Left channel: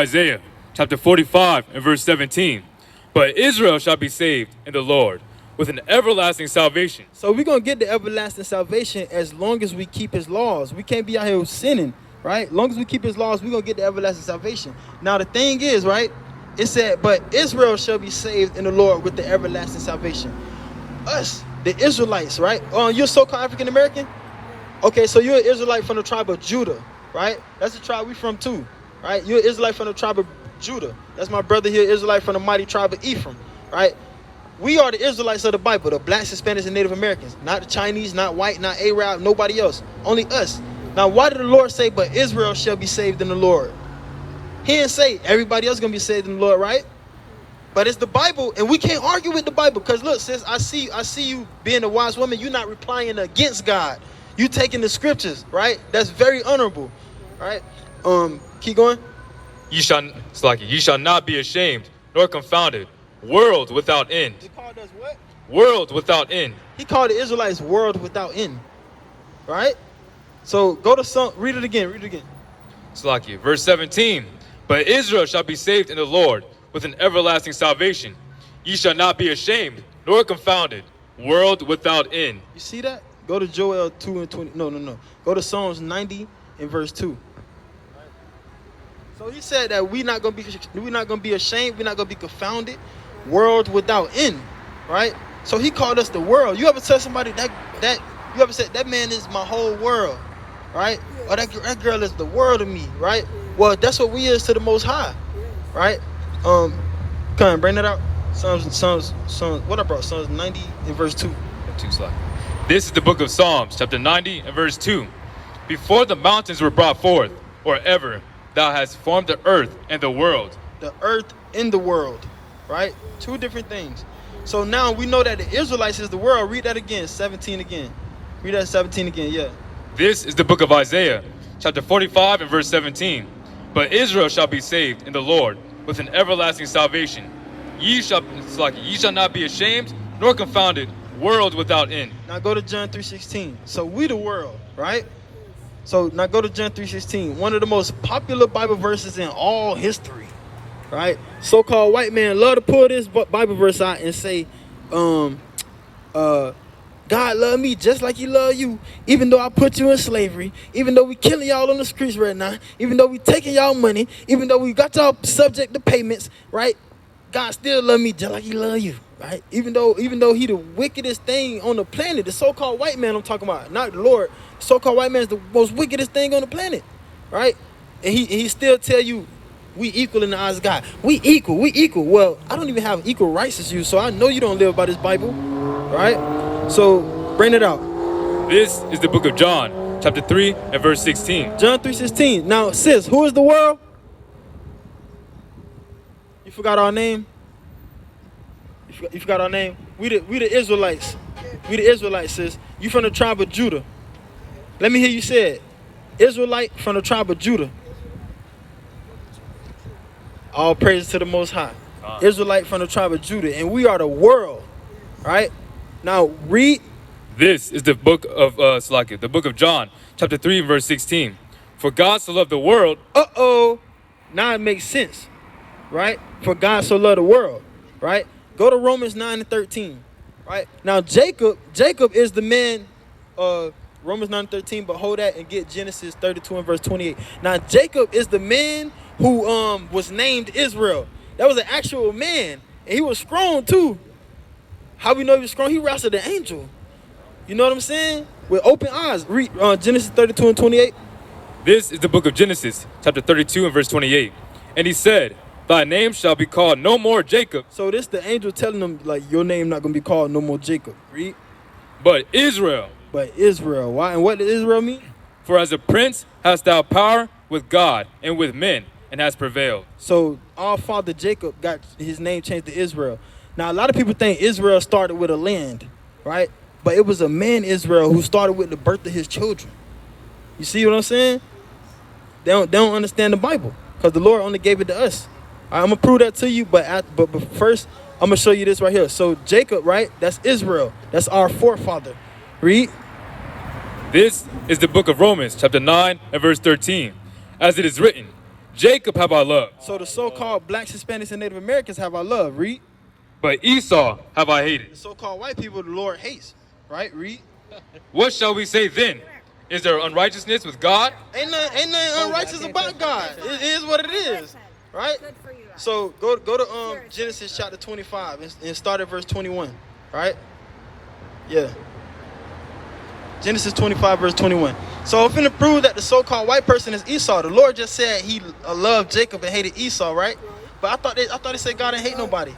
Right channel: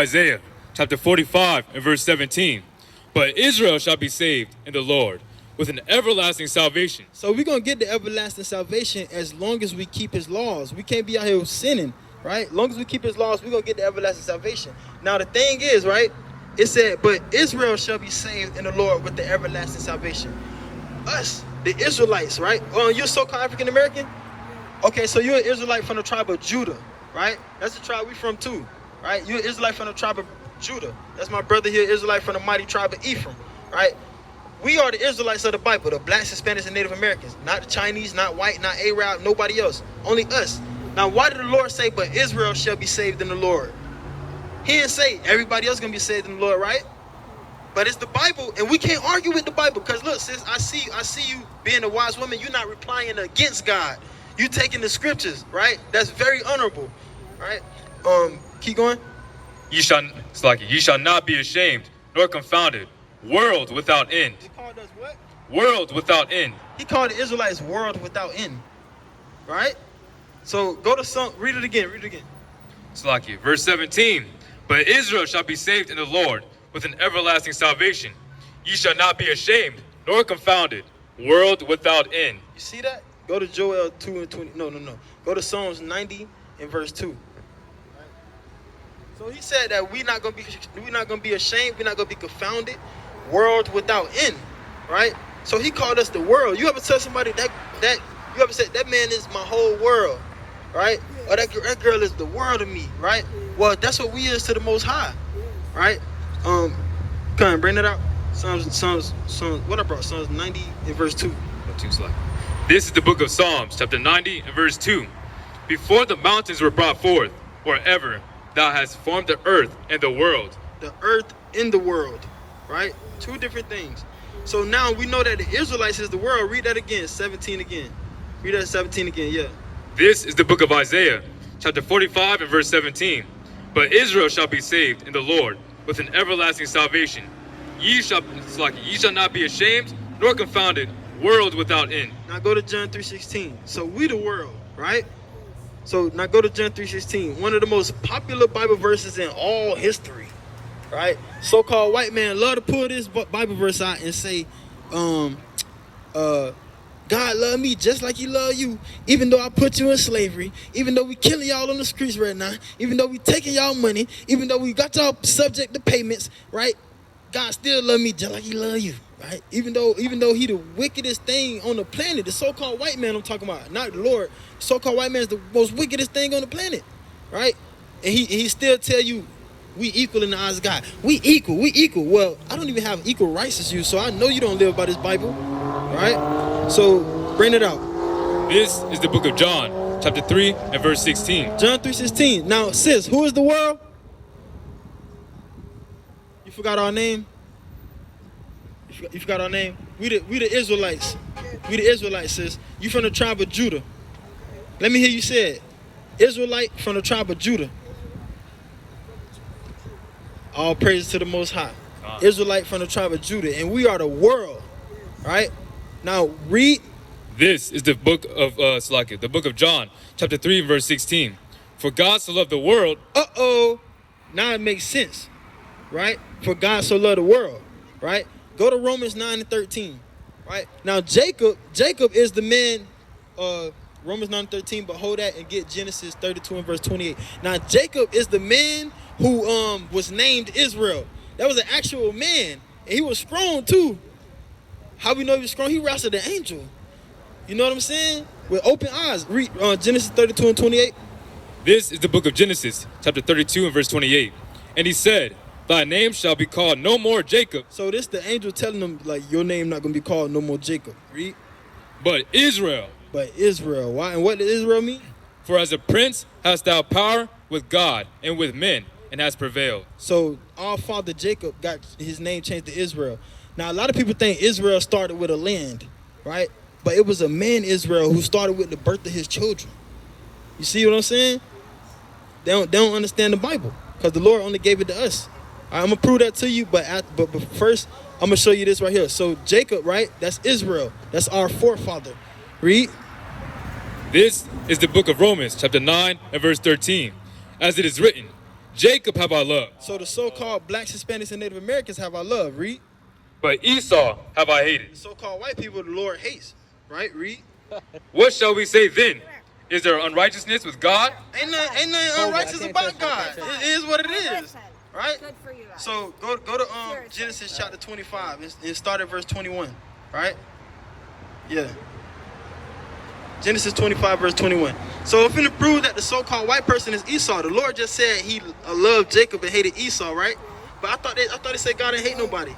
Isaiah chapter 45 and verse 17. But Israel shall be saved in the Lord with an everlasting salvation. So we're going to get the everlasting salvation as long as we keep his laws. We can't be out here sinning, right? As long as we keep his laws, we're going to get the everlasting salvation. Now, the thing is, right, it said, but Israel shall be saved in the Lord with the everlasting salvation. Us, the Israelites, right? Oh, you're so-called African-American? Okay, so you're an Israelite from the tribe of Judah, right? That's the tribe we from too, right? You're an Israelite from the tribe of Judah. That's my brother here, Israelite from the mighty tribe of Ephraim, right? We are the Israelites of the Bible, the blacks, Hispanics, and Native Americans. Not the Chinese, not white, not Arab, nobody else. Only us. Now, why did the Lord say, but Israel shall be saved in the Lord? He didn't say everybody else is going to be saved in the Lord, right? But it's the Bible, and we can't argue with the Bible. Because look, sis, I see you being a wise woman. You're not replying against God. You taking the scriptures, right? That's very honorable, right? Keep going. Ye shall not be ashamed nor confounded. World without end. He called us what? World without end. He called the Israelites world without end, right? So go to some, read it again, Verse 17. But Israel shall be saved in the Lord with an everlasting salvation. Ye shall not be ashamed nor confounded. World without end. You see that? Go to Joel 2 and 20. No. Go to Psalms 90 and verse 2. So he said that we're not gonna be ashamed, we're not gonna be confounded. World without end, right? So he called us the world. You ever tell somebody that you ever said that man is my whole world, right? Or that girl is the world to me, right? Well, that's what we is to the Most High, right? Come on, bring that out. Psalms. What I brought? Psalms 90 and verse 2. This is the book of Psalms, chapter 90 and verse 2. Before the mountains were brought forth, or ever thou hast formed the earth and the world. The earth and the world, right? Two different things. So now we know that the Israelites is the world. Read that again, 17 again. Read that 17 again, yeah. This is the book of Isaiah, chapter 45 and verse 17. But Israel shall be saved in the Lord with an everlasting salvation. Ye shall not be ashamed nor confounded. World without end. Now go to John 3:16. So we the world, right? So now go to John 3:16. One of the most popular Bible verses in all history, right? So-called white man love to pull this Bible verse out and say, God love me just like he love you, even though I put you in slavery, even though we killing y'all on the streets right now, even though we taking y'all money, even though we got y'all subject to payments, right? God still love me just like he love you, right? Even though he the wickedest thing on the planet, the so-called white man I'm talking about, not the Lord. So-called white man is the most wickedest thing on the planet, right? And he still tell you we equal in the eyes of God. We equal. Well, I don't even have equal rights as you, so I know you don't live by this Bible, right? So bring it out. This is the book of John, chapter 3 and verse 16. John 3:16. Now, sis, who is the world? You forgot our name? You forgot our name? We the Israelites. We the Israelites, sis. You from the tribe of Judah. Let me hear you say it. Israelite from the tribe of Judah. All praise to the Most High. Israelite from the tribe of Judah. And we are the world. Right? Now read. This is the book of the book of John, chapter 3, verse 16. For God so loved the world. Now it makes sense. Right? For God so loved the world. Right? Go to Romans 9 and 13. Right? Now Jacob is the man, Romans 9 and 13, but hold that and get Genesis 32 and verse 28. Now Jacob is the man who was named Israel. That was an actual man. And he was strong too. How we know he was strong? He wrestled an angel. You know what I'm saying? With open eyes. Read Genesis 32 and 28. This is the book of Genesis, chapter 32 and verse 28. And he said, thy name shall be called no more Jacob. So this the angel telling him, like, your name not going to be called no more Jacob. Read. But Israel. Why? And what does Israel mean? For as a prince hast thou power with God and with men, and has prevailed. So our father Jacob got his name changed to Israel. Now, a lot of people think Israel started with a land, right? But it was a man, Israel, who started with the birth of his children. You see what I'm saying? They don't understand the Bible because the Lord only gave it to us. All right, I'm going to prove that to you, but first, I'm going to show you this right here. So Jacob, right? That's Israel. That's our forefather. Read. This is the book of Romans, chapter 9 and verse 13. As it is written, Jacob have I loved, So the so-called blacks, Hispanics, and Native Americans have our love. Read. but Esau have I The hated. so-called white people the Lord hates. Right? Read. What shall we say then? Is there unrighteousness with God? Ain't nothing unrighteous about God. It is what it is. Right? So go to Genesis chapter 25 and start at verse 21. Right? Yeah. Genesis 25 verse 21. So I'm finna prove that the so-called white person is Esau. The Lord just said he loved Jacob and hated Esau, right? But I thought they said God ain't hate nobody.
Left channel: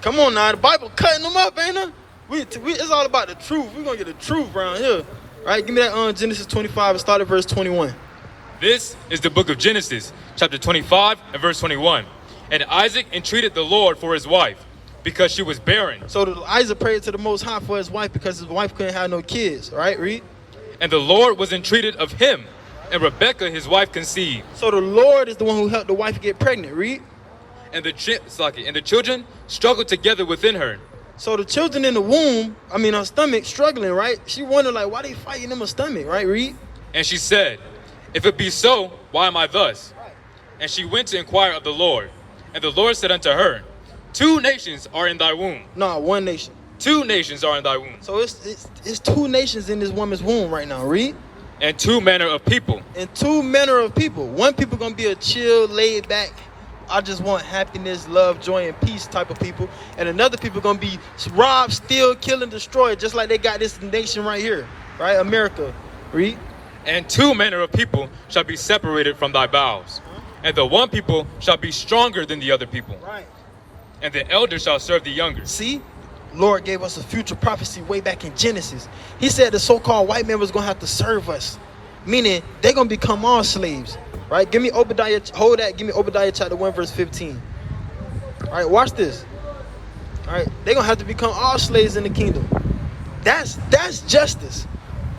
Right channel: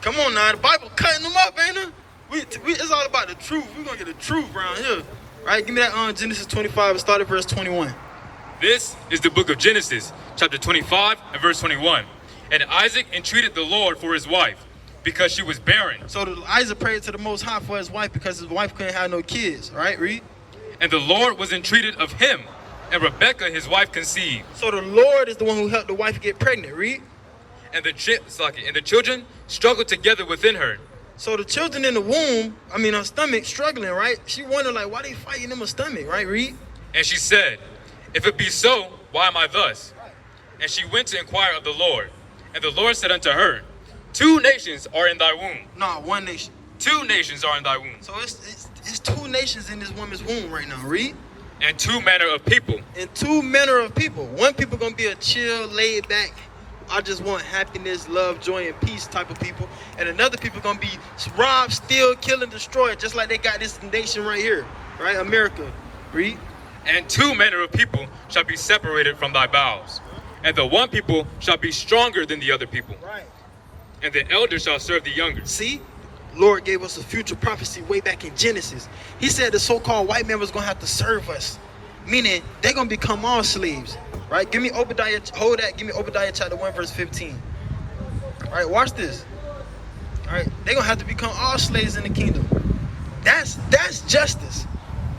Come on now, the Bible cutting them up, ain't it? It's all about the truth. We're gonna get the truth around here. Right? Give me that Genesis 25 and start at verse 21. This is the book of Genesis, chapter 25 and verse 21. And Isaac entreated the Lord for his wife, because she was barren. So Isaac prayed to the Most High for his wife because his wife couldn't have no kids, right? Read. And the Lord was entreated of him, and Rebekah his wife conceived. So the Lord is the one who helped the wife get pregnant. Read. And the children struggled together within her. So the children in the womb, her stomach, struggling, right? She wondered, like, why they fighting in my stomach, right? Read. And she said, if it be so, why am I thus? And she went to inquire of the Lord. And the Lord said unto her, 2 nations are in thy womb. No, 1 nation. 2 nations are in thy womb. So it's 2 nations in this woman's womb right now. Read. And 2 manner of people. And 2 manner of people. One people gonna be a chill, laid back, I just want happiness, love, joy, and peace type of people. And another people gonna be robbed, steal, kill, and destroy, just like they got this nation right here, right? America. Read. And 2 manner of people shall be separated from thy bowels. And the one people shall be stronger than the other people. Right. And the elder shall serve the younger. See? Lord gave us a future prophecy way back in Genesis. He said the so-called white man was going to have to serve us. Meaning, they're going to become our slaves. Right? Give me Obadiah, hold that. Give me Obadiah chapter 1 verse 15. All right, watch this. All right, they're going to have to become our slaves in the kingdom. That's justice.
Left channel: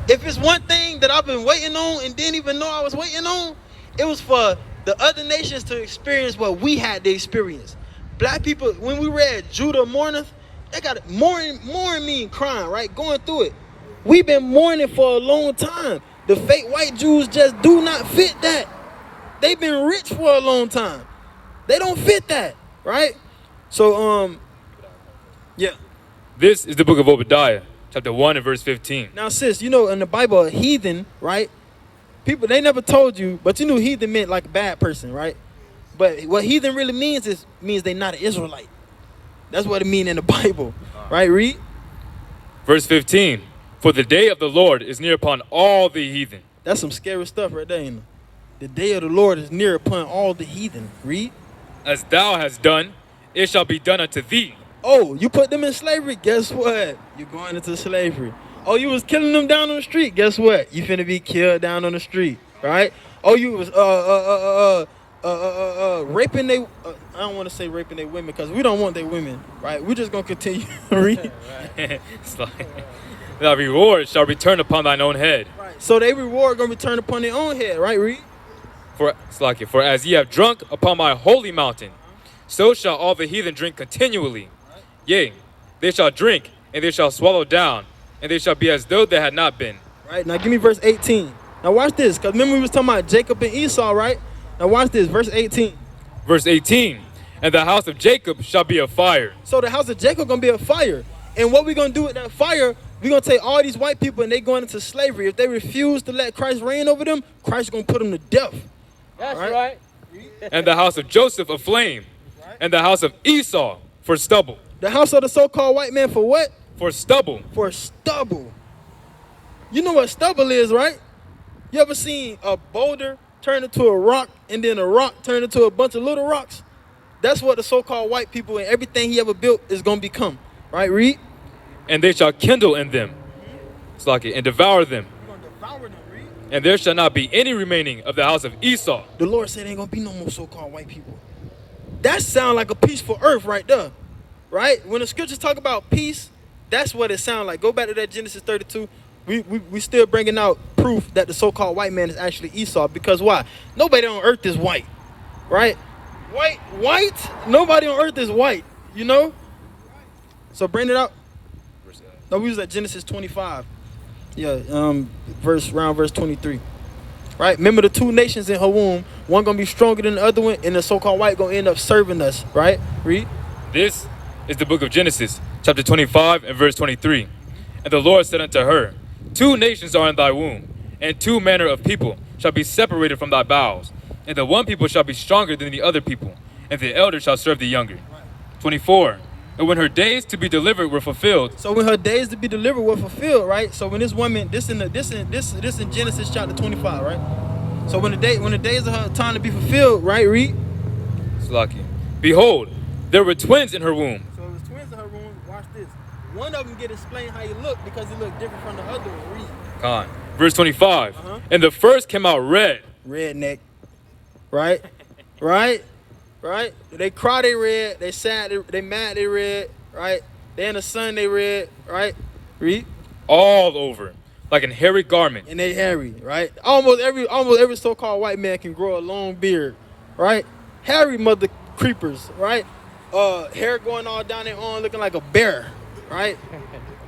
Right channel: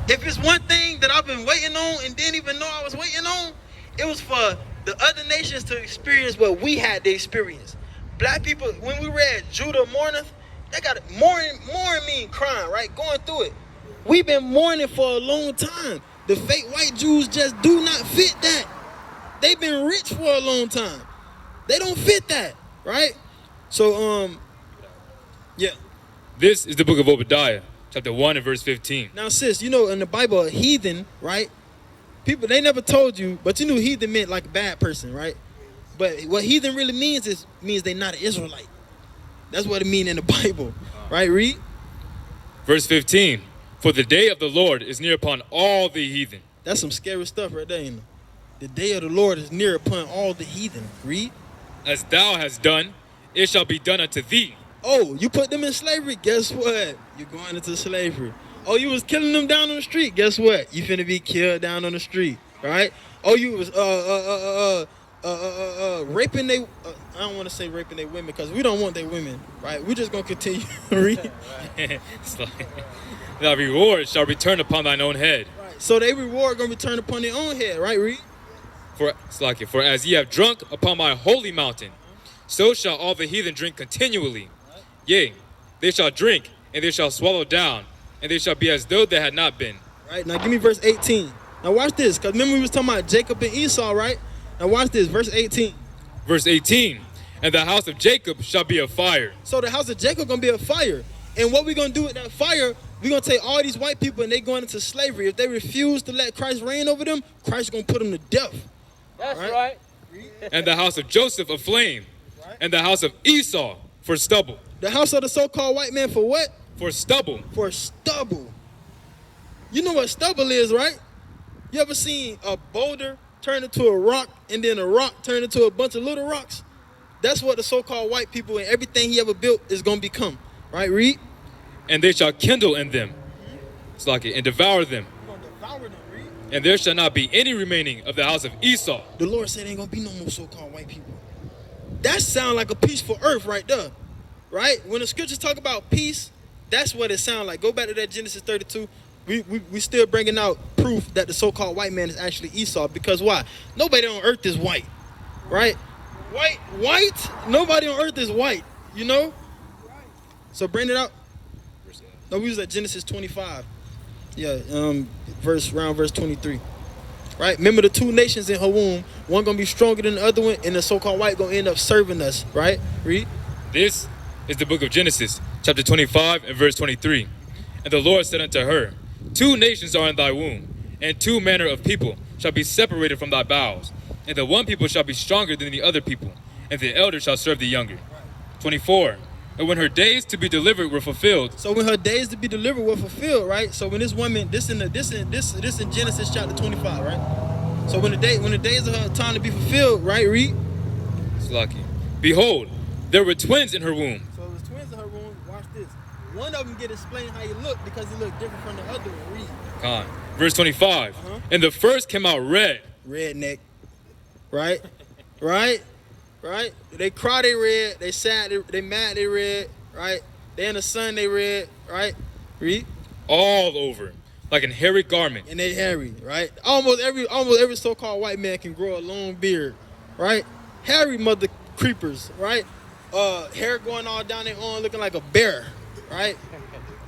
If it's one thing that I've been waiting on and didn't even know I was waiting on, it was for the other nations to experience what we had to experience. Black people, when we read Judah mourneth, they got mourning mean crying, right? Going through it. We've been mourning for a long time. The fake white Jews just do not fit that. They've been rich for a long time. They don't fit that, right? So, yeah. This is the book of Obadiah, chapter 1 and verse 15. Now, sis, you know, in the Bible, a heathen, right? People, they never told you, but you knew heathen meant like a bad person, right? But what heathen really means they're not an Israelite. That's what it means in the Bible, right? Read. Verse 15. For the day of the Lord is near upon all the heathen. That's some scary stuff right there, ain't it? The day of the Lord is near upon all the heathen. Read. As thou hast done, it shall be done unto thee. Oh, you put them in slavery. Guess what? You're going into slavery. Oh, you was killing them down on the street. Guess what? You finna be killed down on the street, right? Oh, you was raping they. I don't want to say raping their women because we don't want their women, right? We just gonna continue to read. It's like, thy reward shall return upon thine own head. Right. So their reward gonna return upon their own head, right? Read. For as ye have drunk upon my holy mountain, so shall all the heathen drink continually. Right. Yea, they shall drink, and they shall swallow down, and they shall be as though they had not been. Right, now give me verse 18. Now watch this, because remember we was talking about Jacob and Esau, right? Now watch this, verse 18. Verse 18, and the house of Jacob shall be a fire. So the house of Jacob gonna be a fire. And what we gonna do with that fire, we gonna take all these white people and they going into slavery. If they refuse to let Christ reign over them, Christ gonna put them to death. That's right. And the house of Joseph a flame, Right. and the house of Esau for stubble. The house of the so-called white man for what? For stubble. For stubble. You know what stubble is, right? You ever seen a boulder turn into a rock and then a rock turn into a bunch of little rocks? That's what the so-called white people and everything he ever built is going to become. Right, read? And they shall kindle in them, and devour them. You're going to devour them, read? And there shall not be any remaining of the house of Esau. The Lord said ain't going to be no more so-called white people. That sounds like a peaceful earth right there. Right? When the scriptures talk about peace, that's what it sounds like. Go back to that Genesis 32. We still bringing out proof that the so-called white man is actually Esau. Because why? Nobody on earth is white. Right? White? Nobody on earth is white. You know? So bring it out. No, we was at Genesis 25. Yeah, verse 23. right? Remember the two nations in her womb. One gonna be stronger than the other one, and the so-called white gonna end up serving us, right? Read. This is the book of Genesis, chapter 25 and verse 23. And the Lord said unto her, two nations are in thy womb, and two manner of people shall be separated from thy bowels. And the one people shall be stronger than the other people, and the elder shall serve the younger. 24. And when her days to be delivered were fulfilled. So when her days to be delivered were fulfilled, right? So when this woman, this in Genesis chapter 25, right? So when the days of her time to be fulfilled, right? Read. Slaki. Behold, there were twins in her womb. So it was twins in her womb. Watch this. One of them get explained how you look because he looked different from the other one. Read. Verse 25. And the first came out red. Redneck. Right? Right? Right? They cry, they red. They sad, they mad, they red. Right? They in the sun, they red. Right? Read. All over, like an hairy garment. And they hairy. Right? Almost every so-called white man can grow a long beard. Right? Hairy mother creepers. Right? Hair going all down their arm, looking like a bear. Right?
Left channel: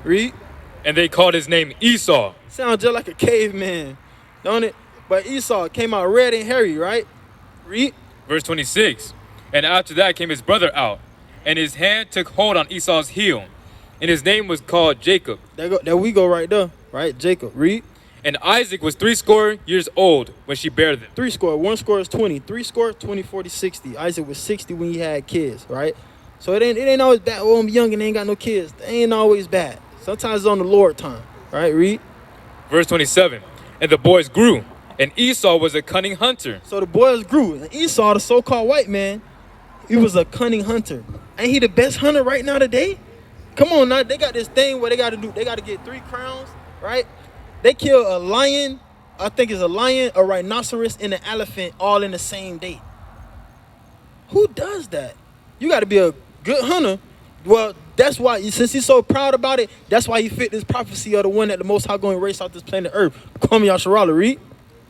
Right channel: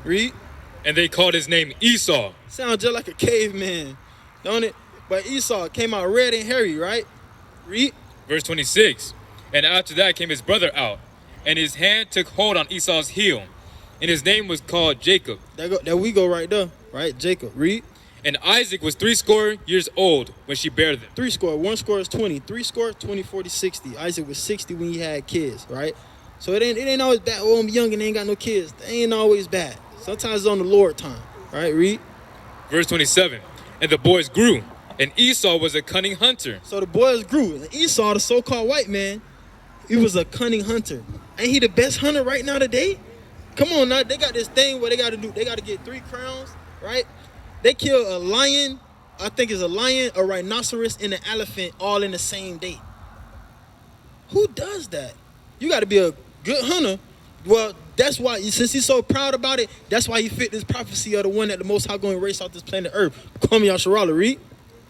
Read. And they called his name Esau. Sounds just like a caveman, don't it? But Esau came out red and hairy, right? Read. Verse 26. And after that came his brother out, and his hand took hold on Esau's heel, and his name was called Jacob. There we go right there, right? Jacob. Read. And Isaac was 80 years old when she bare them. 3 score. 1 score is 20. 3 score, 20, 40, 60. Isaac was 60 when he had kids, right? So it ain't always bad. Oh, I'm young and ain't got no kids. It ain't always bad. Sometimes it's on the Lord time. All right, read. Verse 27. And the boys grew, and Esau was a cunning hunter. So the boys grew, and Esau, the so-called white man, he was a cunning hunter. Ain't he the best hunter right now today? Come on now, they got this thing where they got to get 3 crowns, right? They kill a lion, I think it's a lion, a rhinoceros, and an elephant all in the same day. Who does that? You got to be a good hunter. Well, that's why, since he's so proud about it, that's why he fit this prophecy of the one that the Most High going to erase off this planet Earth. Call me Yasharala, read.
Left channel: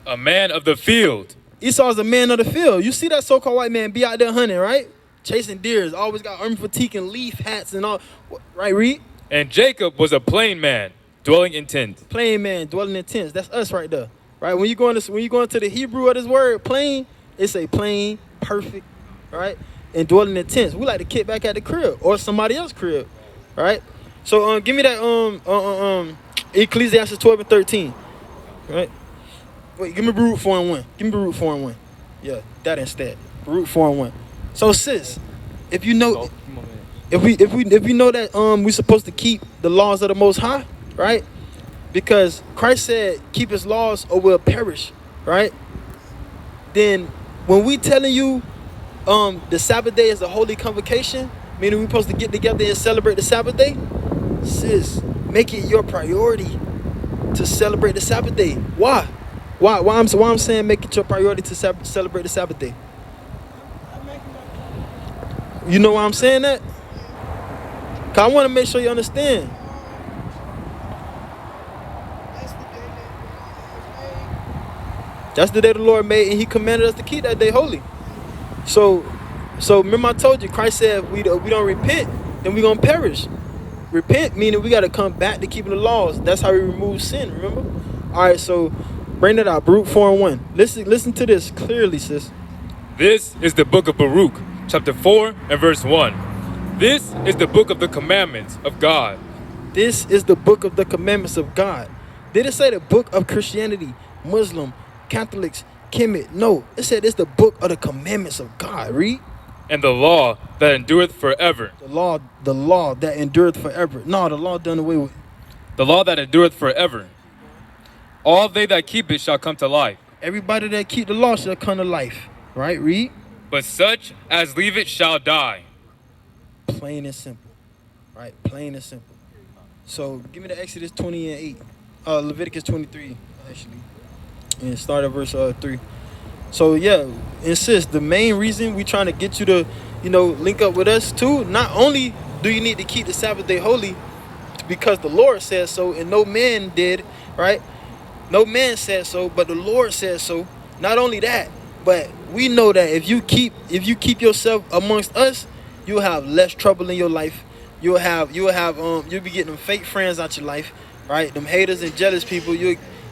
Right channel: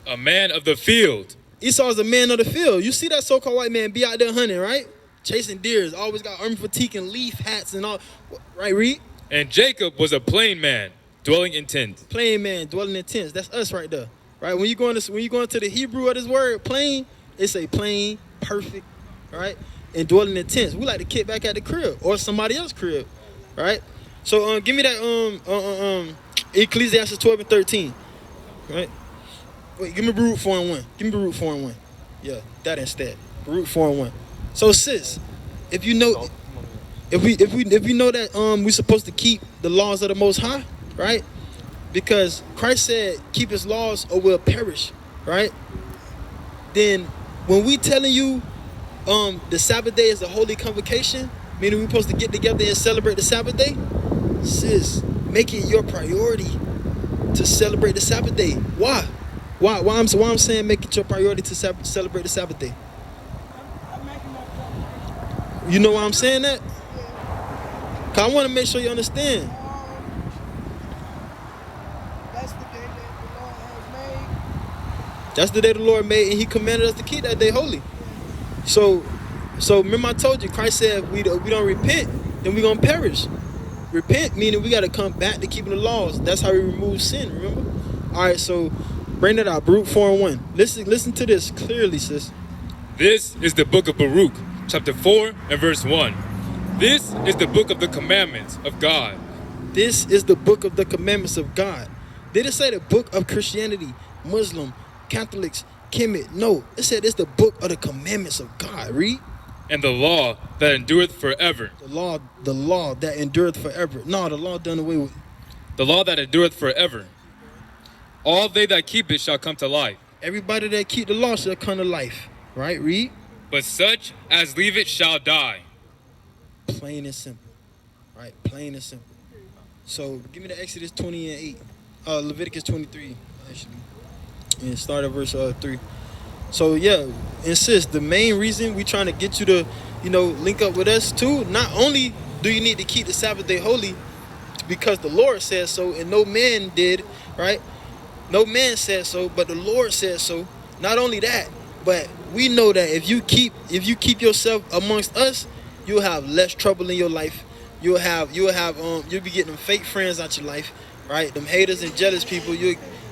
A man of the field. Esau's a man of the field. You see that so-called white man be out there hunting, right? Chasing deers, always got army fatigue and leaf hats and all. Right, read? And Jacob was a plain man, dwelling in tents. Plain man, dwelling in tents. That's us right there. Right? When you go into the Hebrew of this word, plain, it's a plain, perfect, right? And dwelling in tents. We like to kick back at the crib or somebody else's crib, right? So give me that Ecclesiastes 12 and 13, right? Wait, give me Baruch 4 and 1. Give me Baruch 4 and 1. Yeah, that instead. Baruch 4 and 1. So sis, if you know that we're supposed to keep the laws of the Most High, right? Because Christ said, keep his laws or we'll perish, right? Then when we telling you the Sabbath day is a holy convocation, meaning we're supposed to get together and celebrate the Sabbath day, sis, make it your priority to celebrate the Sabbath day. Why? Why I'm saying make it your priority to celebrate the Sabbath day? You know why I'm saying that? Because I want to make sure you understand. That's the day the Lord made, and he commanded us to keep that day holy. So remember I told you, Christ said if we don't repent, then we're going to perish. Repent meaning we got to come back to keeping the laws. That's how we remove sin, remember? All right, so bring that out, Baruch 4 and 1. Listen to this clearly, sis. This is the book of Baruch, chapter 4 and verse 1. This is the book of the commandments of God. This is the book of the commandments of God. Did it say the book of Christianity, Muslim, Catholics, Kemet? No, it said it's the book of the commandments of God. Read. And the law that endureth forever. The law that endureth forever. No, the law done away with. The law that endureth forever. All they that keep it shall come to life. Everybody that keep the law shall come to life. Right? Read. But such as leave it shall die. Plain and simple. Right? Plain and simple. So give me the Exodus 20 and 8. Leviticus 23, actually. And start at verse 3. So yeah, insist. The main reason we trying to get you to, link up with us too. Not only do you need to keep the Sabbath day holy, because the Lord says so, and no man did, right? No man said so, but the Lord said so. Not only that, but we know that if you keep yourself amongst us, you'll have less trouble in your life. You'll be getting them fake friends out your life, right? Them haters and jealous people.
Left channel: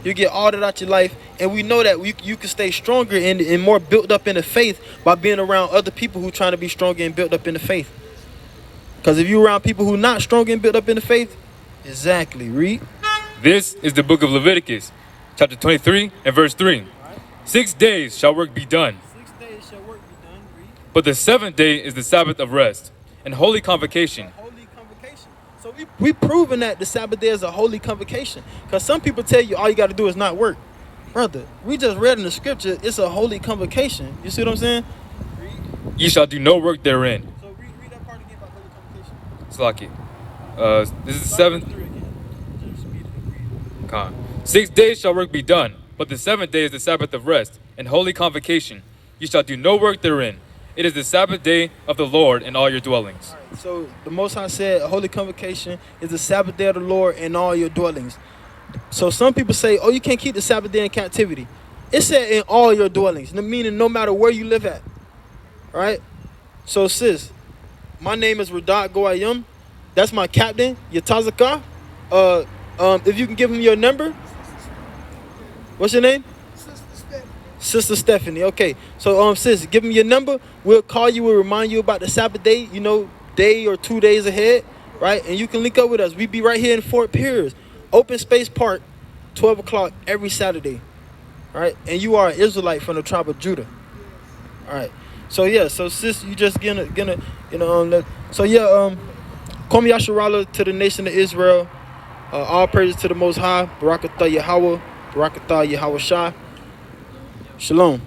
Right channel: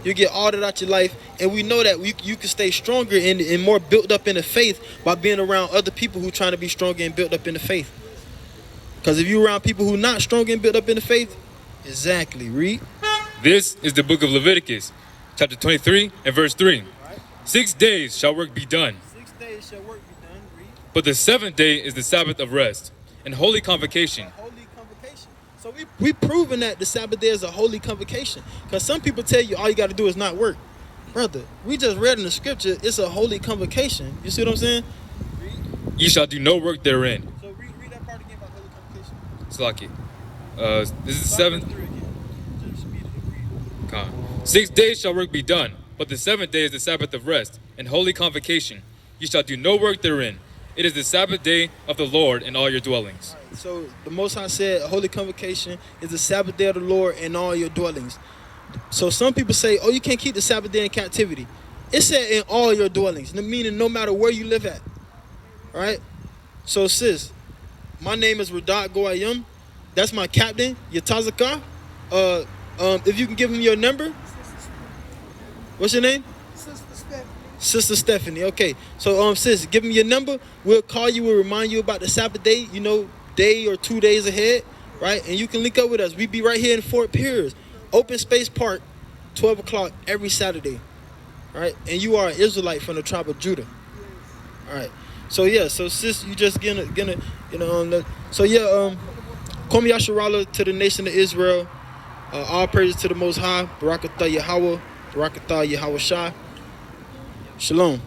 You get all that out your life, and we know that you can stay stronger and more built up in the faith by being around other people who trying to be stronger and built up in the faith. Because if you're around people who not strong and built up in the faith, exactly, read. This is the book of Leviticus, chapter 23 and verse 3. Right. 6 days shall work be done, 6 days shall work be done, read. but the seventh day is the Sabbath of rest and holy convocation. Holy convocation. So we proven that the Sabbath day is a holy convocation. Because some people tell you all you got to do is not work. Brother, we just read in the scripture, it's a holy convocation. You see what I'm saying? Read. Ye shall do no work therein. So read that part again about holy convocation. Slaki. This is the seventh. 6 days shall work be done, but the seventh day is the Sabbath of rest and holy convocation. You shall do no work therein. It is the Sabbath day of the Lord in all your dwellings. All right, so the Most High said a holy convocation is the Sabbath day of the Lord in all your dwellings. So some people say, oh, you can't keep the Sabbath day in captivity. It said in all your dwellings, meaning no matter where you live at. All right? So sis, my name is Radat Goayim. That's my captain, Yatazaka. If you can give him your number. What's your name? Sister Stephanie. Okay. So sis, give him your number. We'll call you. We'll remind you about the Sabbath day, you know, day or 2 days ahead, right? And you can link up with us. We be right here in Fort Pierce, Open Space Park, 12 o'clock every Saturday, all right? And you are an Israelite from the tribe of Judah, all right? So yeah, so sis, you just gonna you know, so yeah, Kom Yasharallah to the nation of Israel. All praises to the Most High. Barakatah Yahweh. Barakatah Yahweh Shah. Shalom.